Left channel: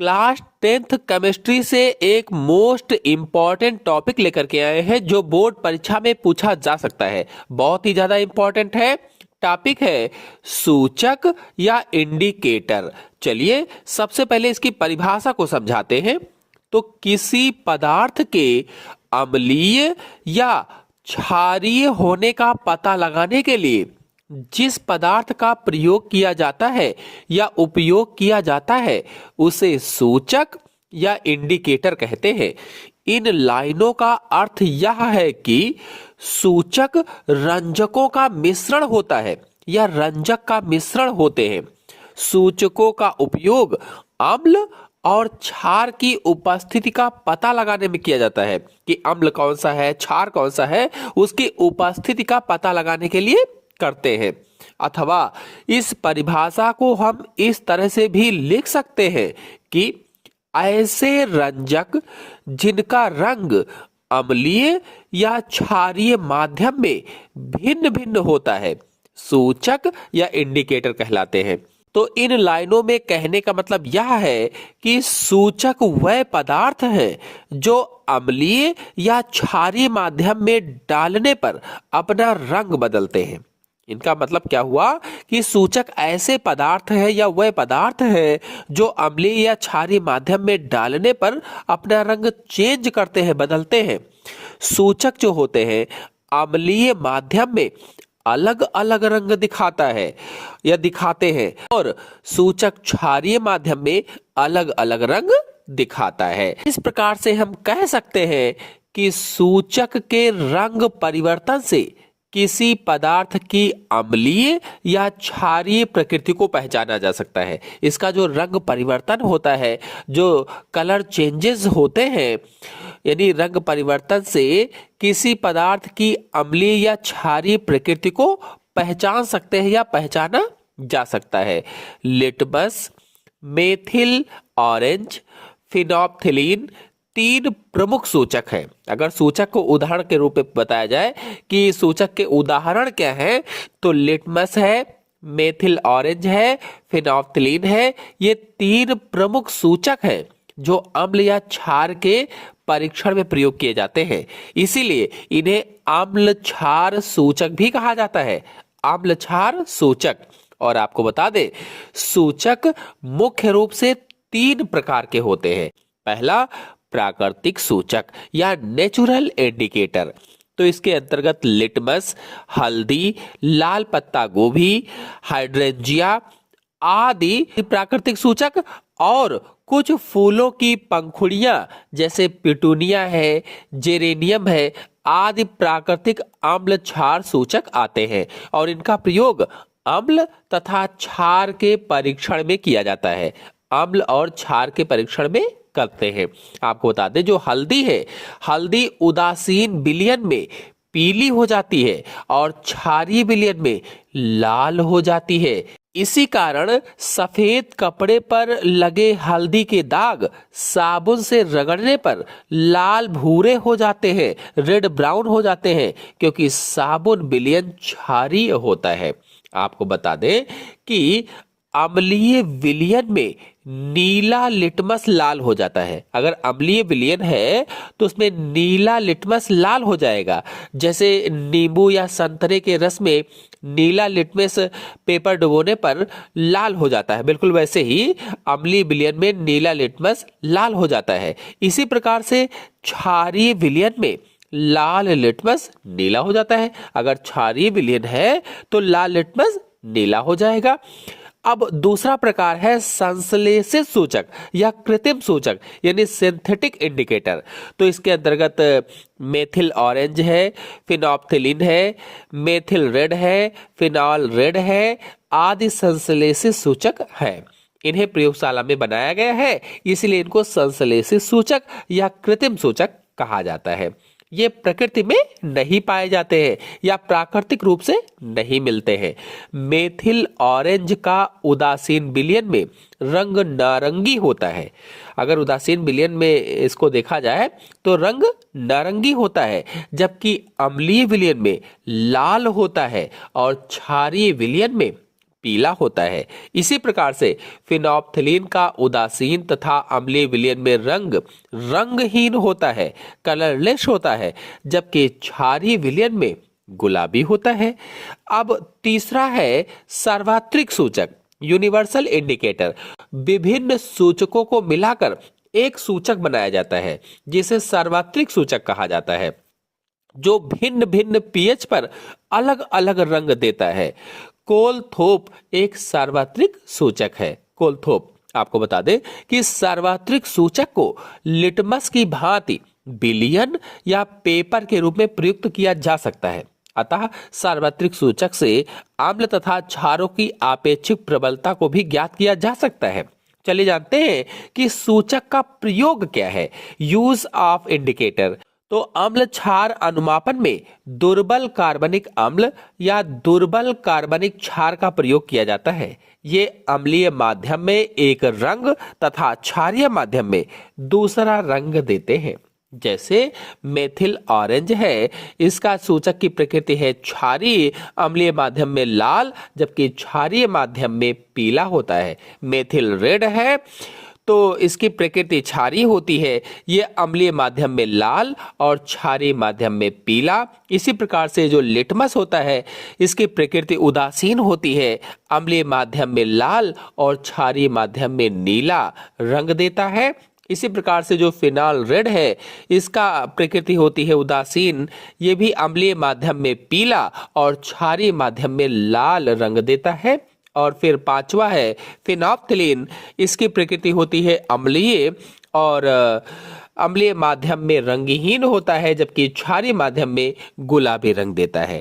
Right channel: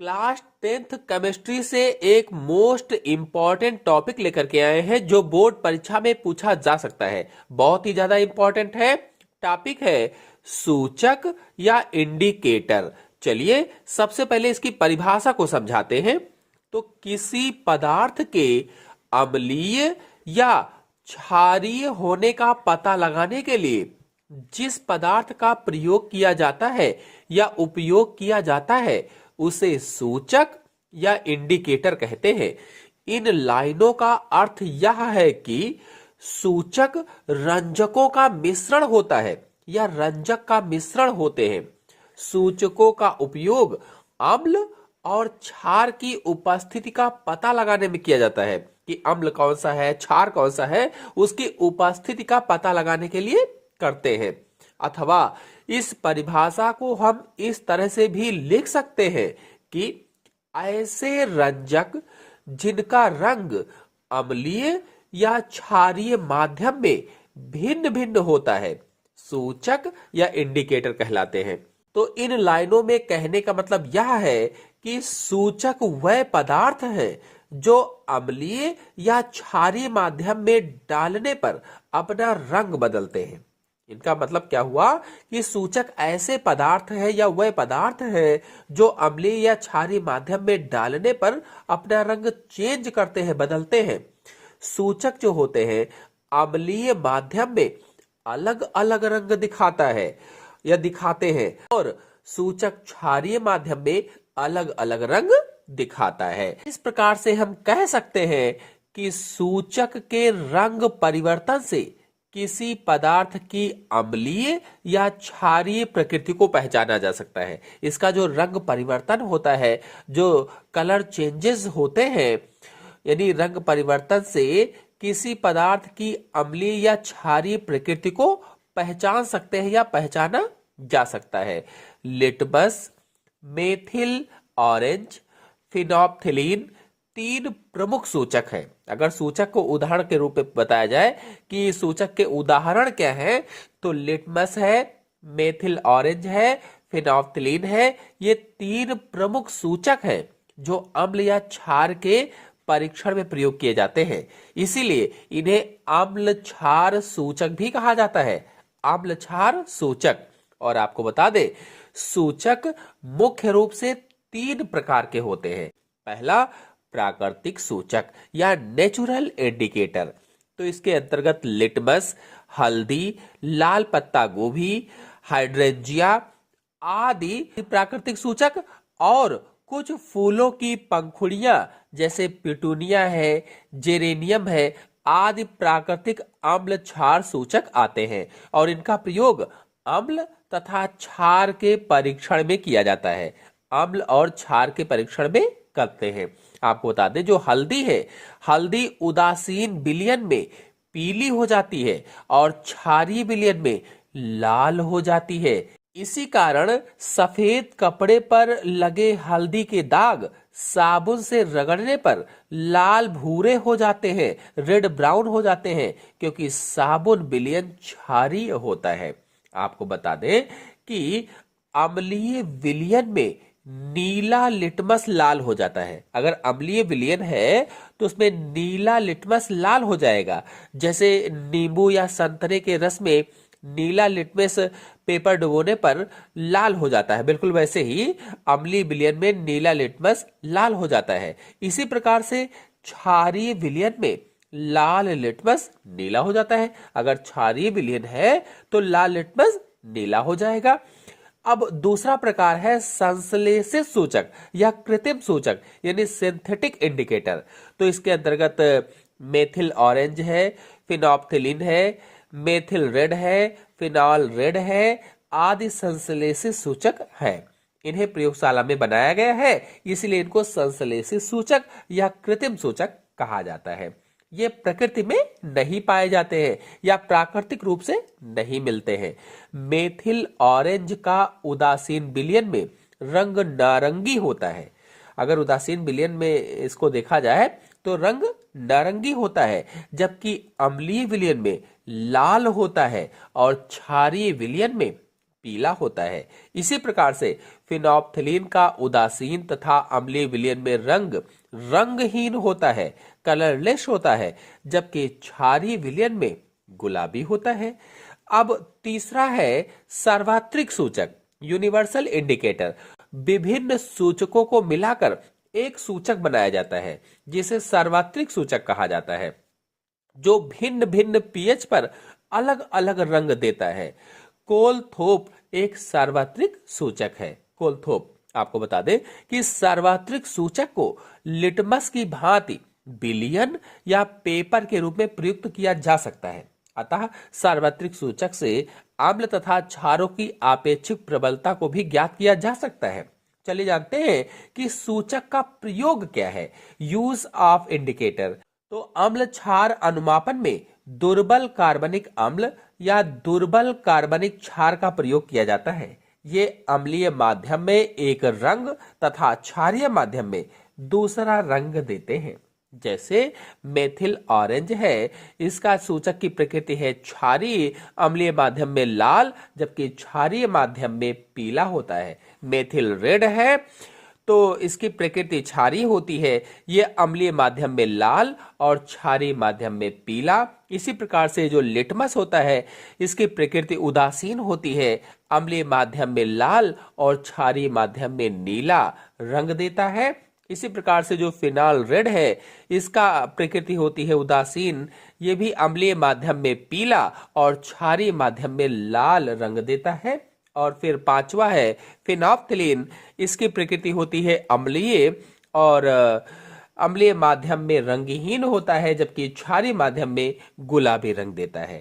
Class 10th chemistry से एक most important topic लेकर के आए हैं जो बोर्ड परीक्षा में पूछा जा सकता है। बहुत ही ज्यादा इम्पॉर्टेंट है। टॉपिक है सूचक या इंडिकेटर। चलिए सबसे पहले इसकी परिभाषा को समझाते हैं। तो किसी पदार्थ के अम्लीय या क्षारीय होने का पता लगाने के लिए जिस पदार्थ का प्रयोग किया जाता है या उपयोग किया जाता है उसे सूचक या इंडिकेटर कहते हैं। इन लाइनों का अर्थ यह है कि सूचक रंजकों का मिश्रण होता है या रंजक का मिश्रण होते हैं। सूचकों का उपयोग अम्ल और क्षार की उपस्थिति का पता लगाने में किया जाता है कि अम्ल कौन सा है, क्षार कौन सा है, उसकी उपस्थिति का पता लगाने के लिए करते हैं। अथवा इस परिभाषा को हम इस तरह से भी लिख सकते हैं कि ऐसे रंजक जिनका रंग अम्लीय या क्षारीय माध्यम में भिन्न भिन्न होता है सूचक या इंडिकेटर कहलाते हैं। तो इन लाइनों में कहने का मतलब यह है कि सूचक वह पदार्थ है जो अम्लीय या क्षारीय माध्यम में डालने पर अपना रंग बदलते हैं। इनका मतलब क्या हुआ कि सूचक ऐसे पदार्थ है या वह पदार्थ है जो अम्लीय या क्षारीय माध्यम में डालने पर अपना रंग चेंज करते हैं, बदलते हैं। सूचक जो होते हैं अम्लीय माध्यम में अलग अलग रंग दिखाता है या दिखाते हैं और सूचक क्षारीय माध्यम में अलग अलग रंग दिखाता है। इस प्रकार से हम कह सकते हैं कि सूचक के रंग परिवर्तन से किसी पदार्थ की अम्लीय या क्षारीय प्रकृति को पहचाना जा सकता है। इसका जो रंग परिवर्तन होता है, जो कलर चेंजेस होते हैं, यानी रंग परिवर्तन से किसी पदार्थ की अम्लीय या क्षारीय प्रकृति को पहचान सकते हैं या पहचाना जा सकता है। लिटमस, मेथिल ऑरेंज, फिनोप्थिलीन तीन प्रमुख सूचक हैं। अगर सूचक को उदाहरण के रूप में बताया जाए कि सूचक के उदाहरण क्या हैं, तो लिटमस है, मेथिल ऑरेंज है, फिनोप्थिलीन है। ये तीन प्रमुख सूचक हैं जो अम्ल या क्षार के परीक्षण में प्रयोग किए जाते हैं। इसीलिए इन्हें अम्ल क्षार सूचक भी कहा जाता है, अम्ल क्षार सूचक। और आपको बता दें, सूचक मुख्य रूप से तीन प्रकार के होते हैं। पहला प्राकृतिक सूचक या नेचुरल इंडिकेटर। तो इसके अंतर्गत लिटमस, हल्दी, लाल पत्ता गोभी, हाइड्रेंजिया आदि प्राकृतिक सूचक और कुछ फूलों की पंखुड़ियां जैसे पिटूनिया है, जेरेनियम है आदि प्राकृतिक अम्ल क्षार सूचक आते हैं और इनका प्रयोग अम्ल तथा क्षार के परीक्षण में किया जाता है। अम्ल और क्षार के परीक्षण में करते हैं। आपको बता दें, जो हल्दी है, हल्दी उदासीन विलयन में पीली हो जाती है और क्षारीय विलयन में लाल हो जाती है। इसी कारण सफेद कपड़े पर लगे हल्दी के दाग साबुन से रगड़ने पर लाल भूरे हो जाते हैं, रेड ब्राउन हो जाते हैं, क्योंकि साबुन विलयन क्षारीय होता है। आपको बता दें कि अम्लीय विलयन में नीला लिटमस लाल हो जाता है। अगर अम्लीय विलयन है तो उसमें नीला लिटमस लाल हो जाएगा। जैसे नींबू या संतरे के रस में नीला लिटमस पेपर डुबोने पर लाल हो जाता है, बिल्कुल वैसे ही अम्लीय विलयन में नीला लिटमस लाल हो जाता है। इसी प्रकार से क्षारीय विलयन में लाल लिटमस नीला हो जाता है। अगर क्षारीय विलयन है तो लाल लिटमस नीला हो जाएगा। अब दूसरा प्रकार है संश्लेषित सूचक या कृत्रिम सूचक यानी सिंथेटिक इंडिकेटर। तो इसके अंतर्गत मेथिल ऑरेंज है, फिनोप्थिलीन है, मेथिल रेड है, फिनॉल रेड है आदि संश्लेषित सूचक है। इन्हें प्रयोगशाला में बनाया गया है, इसलिए इनको संश्लेषित सूचक या कृत्रिम सूचक कहा जाता है। ये प्रकृति में नहीं पाए जाते हैं या प्राकृतिक रूप से नहीं मिलते हैं। मेथिल ऑरेंज का उदासीन विलयन में रंग नारंगी होता है। अगर उदासीन विलयन में इसको देखा जाए तो रंग नारंगी होता है, जबकि अम्लीय विलयन में लाल होता है और क्षारीय विलयन में पीला होता है। इसी प्रकार से फिनोप्थिलीन का उदासीन तथा अम्लीय विलयन में रंग रंगहीन होता है, कलरलेस होता है, जबकि क्षारीय विलयन में गुलाबी होता है। अब तीसरा है सार्वत्रिक सूचक, यूनिवर्सल इंडिकेटर। विभिन्न सूचकों को मिलाकर एक सूचक बनाया जाता है जिसे सार्वत्रिक सूचक कहा जाता है, जो भिन्न भिन्न पीएच पर अलग अलग रंग देता है। कोलथोप एक सार्वत्रिक सूचक है। कोलथोप, आपको बता दें कि सार्वत्रिक सूचक को लिटमस की भांति विलयन या पेपर के रूप में प्रयुक्त किया जा सकता है। अतः सार्वत्रिक सूचक से अम्ल तथा क्षारों की आपेक्षिक प्रबलता को भी ज्ञात किया जा सकता है। चलिए जानते हैं कि सूचक का प्रयोग क्या है। Use of indicator. तो अम्ल क्षार अनुमापन में दुर्बल कार्बनिक अम्ल या दुर्बल कार्बनिक क्षार का प्रयोग किया जाता है। ये अम्लीय माध्यम में एक रंग तथा क्षारीय माध्यम में दूसरा रंग देते हैं। जैसे मेथिल ऑरेंज है, इसका सूचक की प्रकृति है क्षारीय, अम्लीय माध्यम में लाल, जबकि क्षारीय माध्यम में पीला होता है। मेथिल रेड है तो इसकी प्रकृति क्षारीय होती है, ये अम्लीय माध्यम में लाल और क्षारीय माध्यम में पीला। इसी प्रकार से जो लिटमस होता है, इसकी प्रकृति उदासीन होती है, अम्लीय माध्यम में लाल और क्षारीय माध्यम में नीला रंग देता है। इसी प्रकार से जो फिनाल रेड है, इसका प्रकृति होती है उदासीन, ये भी अम्लीय माध्यम में पीला और क्षारीय माध्यम में लाल रंग देता है। और फिर पांचवा है फिनोप्थिलीन, इसकी प्रकृति होती है अम्लीय और अम्लीय माध्यम में रंगहीन होता है, जबकि क्षारीय माध्यम में गुलाबी रंग देता है।